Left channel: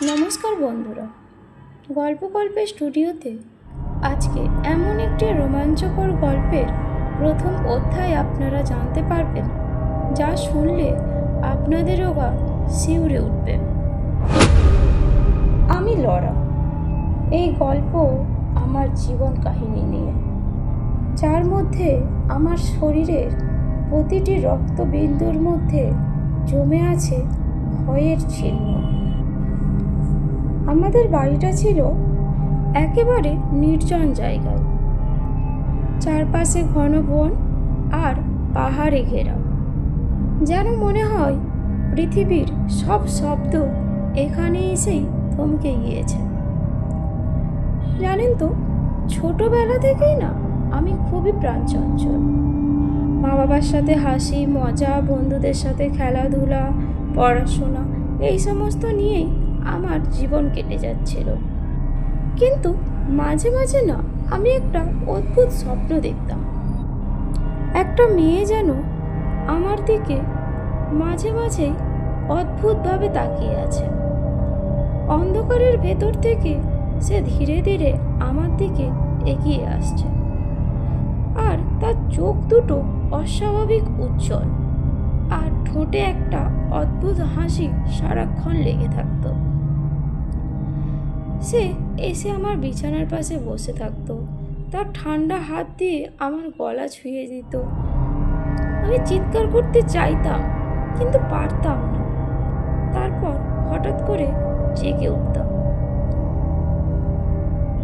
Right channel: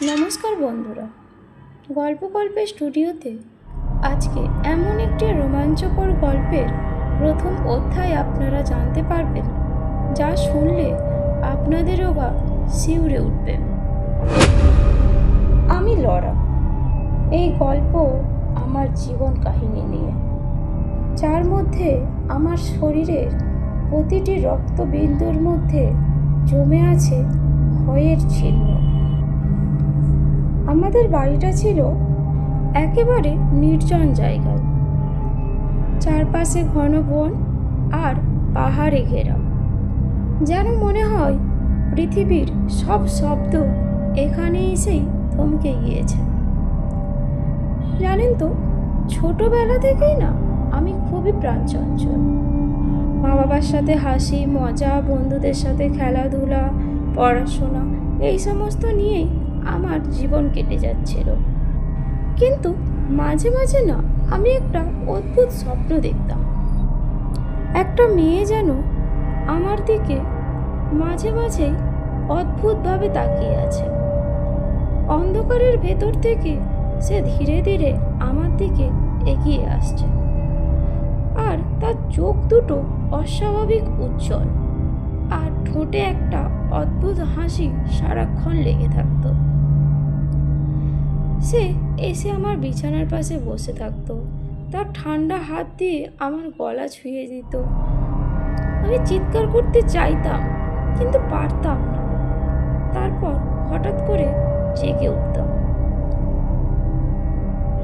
নমস্কার বন্ধুরা, গল্পের স্টুডিওতে আজকে এমন একটি রোমাঞ্চকর গল্পের প্রথম অধ্যায় আপনারা জানতে পারবেন, যা শুনলে আপনাদেরও গা শিউরে উঠবে। আমি লরা। এই গল্প আমার জীবন কাহিনী নিয়ে, যার মধ্যে আমার শরীরের প্রতিটি রক্তবিন্দুর মধ্যে জমে আছে ভয়ের চিহ্ন। আমাদের বাড়িটা ছিল একেবারে নির্জন জায়গায়, চারপাশে ঘন বন আর পাহাড়ে ঘেরা। যেন মনে হয় পৃথিবীর সব শব্দ এখানে এসেই থমকে গিয়েছে। জানেন তো, ছোটবেলা থেকেই না আমি খুবই প্রাণচঞ্চল। মা বাবার সাথে হাসি মজা, বন্ধুদের সাথে খেলাধুলা, পড়াশোনা, এই সমস্ত নিয়েই আমার জীবন কেটে যাচ্ছিল। কিন্তু মাঝে মাঝে না আমি একটা অদ্ভুত স্বপ্ন দেখতাম। একটা মেয়ে যেন আমার দিকে মাঝে মাঝেই অদ্ভুতভাবে তাকিয়ে আছে। অন্ধকারের ভেতর থেকে সে ধীরে ধীরে আমার দিকে এগিয়ে আসছে, আর তার চোখ দুটো অস্বাভাবিক উজ্জ্বল, আর ঠোঁটে একটা অদ্ভুত হাসি সারাক্ষণ লেগে থাকতো। সে এসে আমার বিছানার পাশে বসে থাকতো, তার ঠান্ডা হাত দিয়ে আমার গলা ছুঁয়ে দিত। আমি চিৎকার করতে চাইতাম, কিন্তু পারতাম না। তারপর হঠাৎ করে জেগে উঠতাম।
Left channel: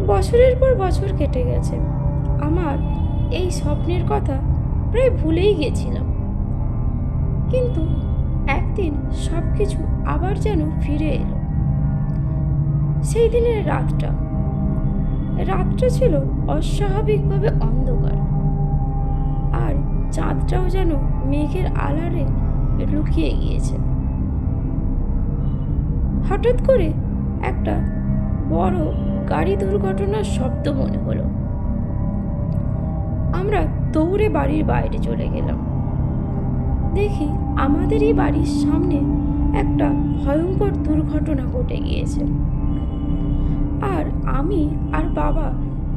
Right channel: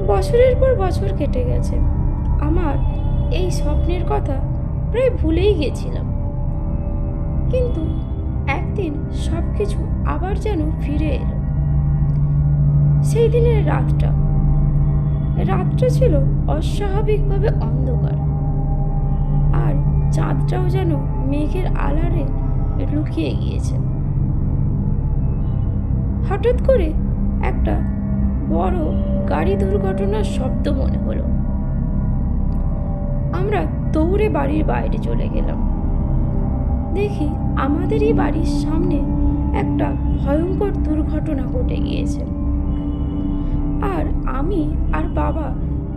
বছরের পর বছর কেটে গেছে। আমার এই স্বপ্নের কথা প্রায় ভুলেই গেছিলাম, কিন্তু একদিন সব কিছু আবার যেন ফিরে এলো। সেই দিনের রাতটা ছিল অস্বাভাবিকভাবে অন্ধকার, আর চাঁদটাও যেন মেঘের আড়ালে লুকিয়ে গিয়েছে। হঠাৎ করে একটা বড় গাড়ি দুর্ঘটনার শব্দ মনে হলো। আমরা দৌড়ে বাড়ির বাইরে চলে গেলাম। দেখি আমাদেরই বাড়ির সামনে একটা ভয়ঙ্কর দুর্ঘটনা ঘটে গিয়েছে। আর আমি আর বাবা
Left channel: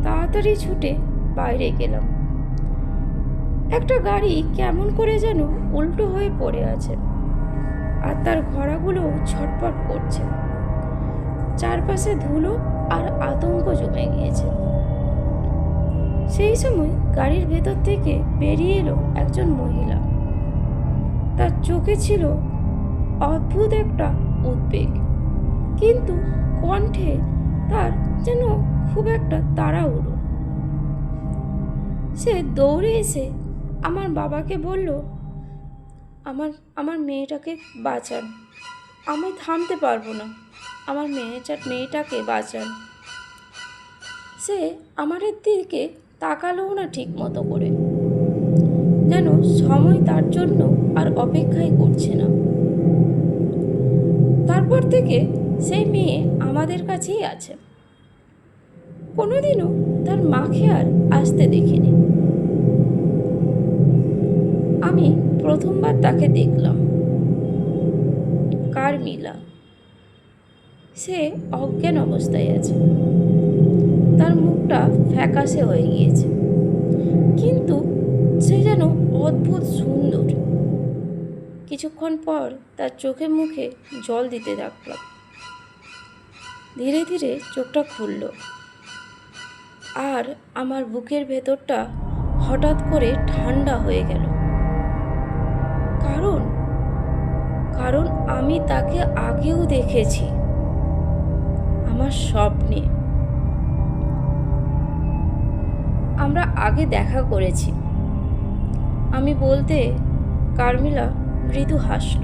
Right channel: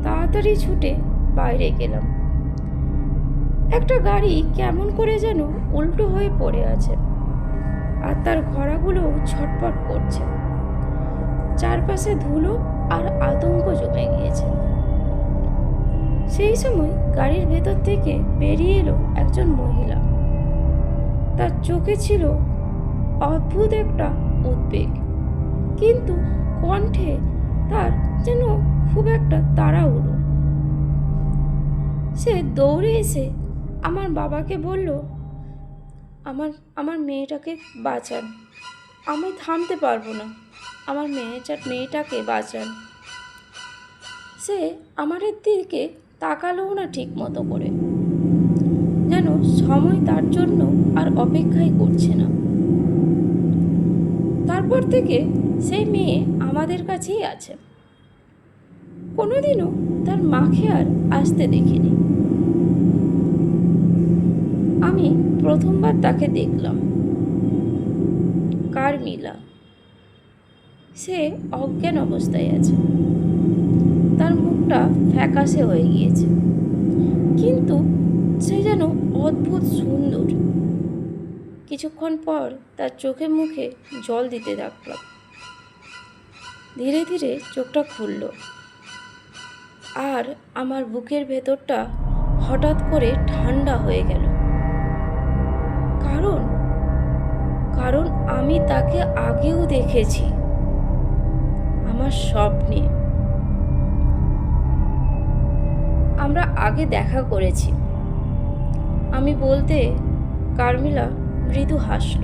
তাড়াতাড়ি ছুটে বাইরে গেলাম। একটা গাড়ি কেমন করে যেন উল্টো হয়ে পড়ে আছে, আর তার ঘোড়াগুলো ছটপট করছে। চারপাশে ধুলো আর আতঙ্ক জমে গিয়েছে। সেই সময় গাড়ির ভেতর থেকে বেরিয়ে এলো একজন মহিলা। তার চোখে ছিল অদ্ভুত একটা উদ্বেগ, কিন্তু কণ্ঠে তার যেন খুব একটা তাড়াহুড়ো। সে দৌড়ে এসে আমার বাবাকে বলল, আমার মেয়েটাকে বাঁচান, আমি থামতে পারবো না, আমার মেয়েটাকে বাঁচান। সে আমাদের দিকে তাকালোও না ঠিক মতো করে, যেন সময় তার জন্য আর অপেক্ষাই করছে না। তারপর থেকে সেই মেয়ে আমাদের কাছেই আছে। কোনোদিনও তার মাকে আর আসতে দেখিনি। আমি প্রথমবার তাকে দেখলাম, কারমিলা। সে অজ্ঞান অবস্থায় আছে, তার মুখটা ফ্যাকাশে হয়ে গিয়েছে, কিন্তু সে যেন অদ্ভুত সুন্দর। কিছুক্ষণ পর তার চোখে মুখে জল দিতে থাকলাম। ধীরে ধীরে চোখটা খুলল, আর আমার বুকের ভেতরটা হঠাৎ করে ঠান্ডা হয়ে গেল। কারণ আমি তাকে আগেও দেখেছি আমার স্বপ্নে। আমরা আগে দেখা করেছি, আমি বলতে কারমিলা মৃদু হাসল।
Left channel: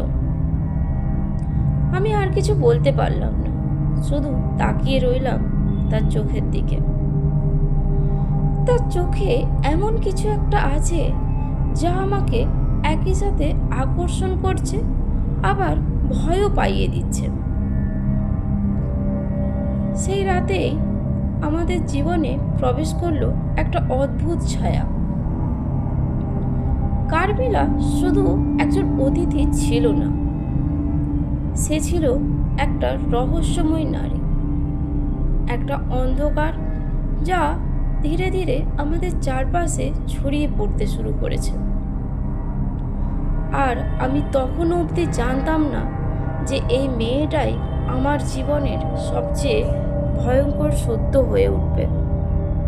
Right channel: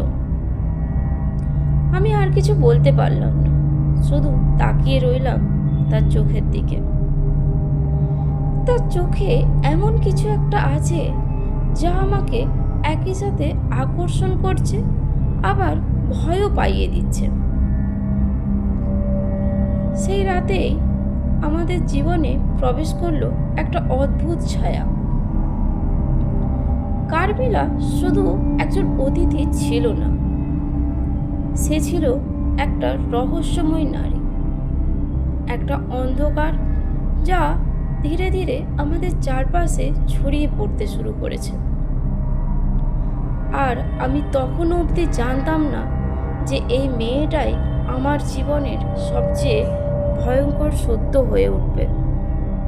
আমি আর কিছু বলতে পারলাম না, শুধু তাকিয়ে রইলাম তার চোখের দিকে। তার চোখে এমন কিছু একটা আছে যা আমাকে একই সাথে আকর্ষণ করছে, আবার ভয়ও পাইয়ে দিচ্ছে। সেই রাতেই আমাদের জীবনে প্রবেশ করলো একটা অদ্ভুত ছায়া। কারমিলা শুধু একজন অতিথি ছিল না, সে ছিল একটা রহস্যময় নারী, একটা অন্ধকার যা ধীরে ধীরে আমাদের চারপাশে ছড়িয়ে পড়তে শুরু করেছে। আর আমি তখনও অবধি জানতাম না যে এই মেয়েটাই আমার জীবনের সবচেয়ে ভয়ঙ্কর সত্য হয়ে উঠবে।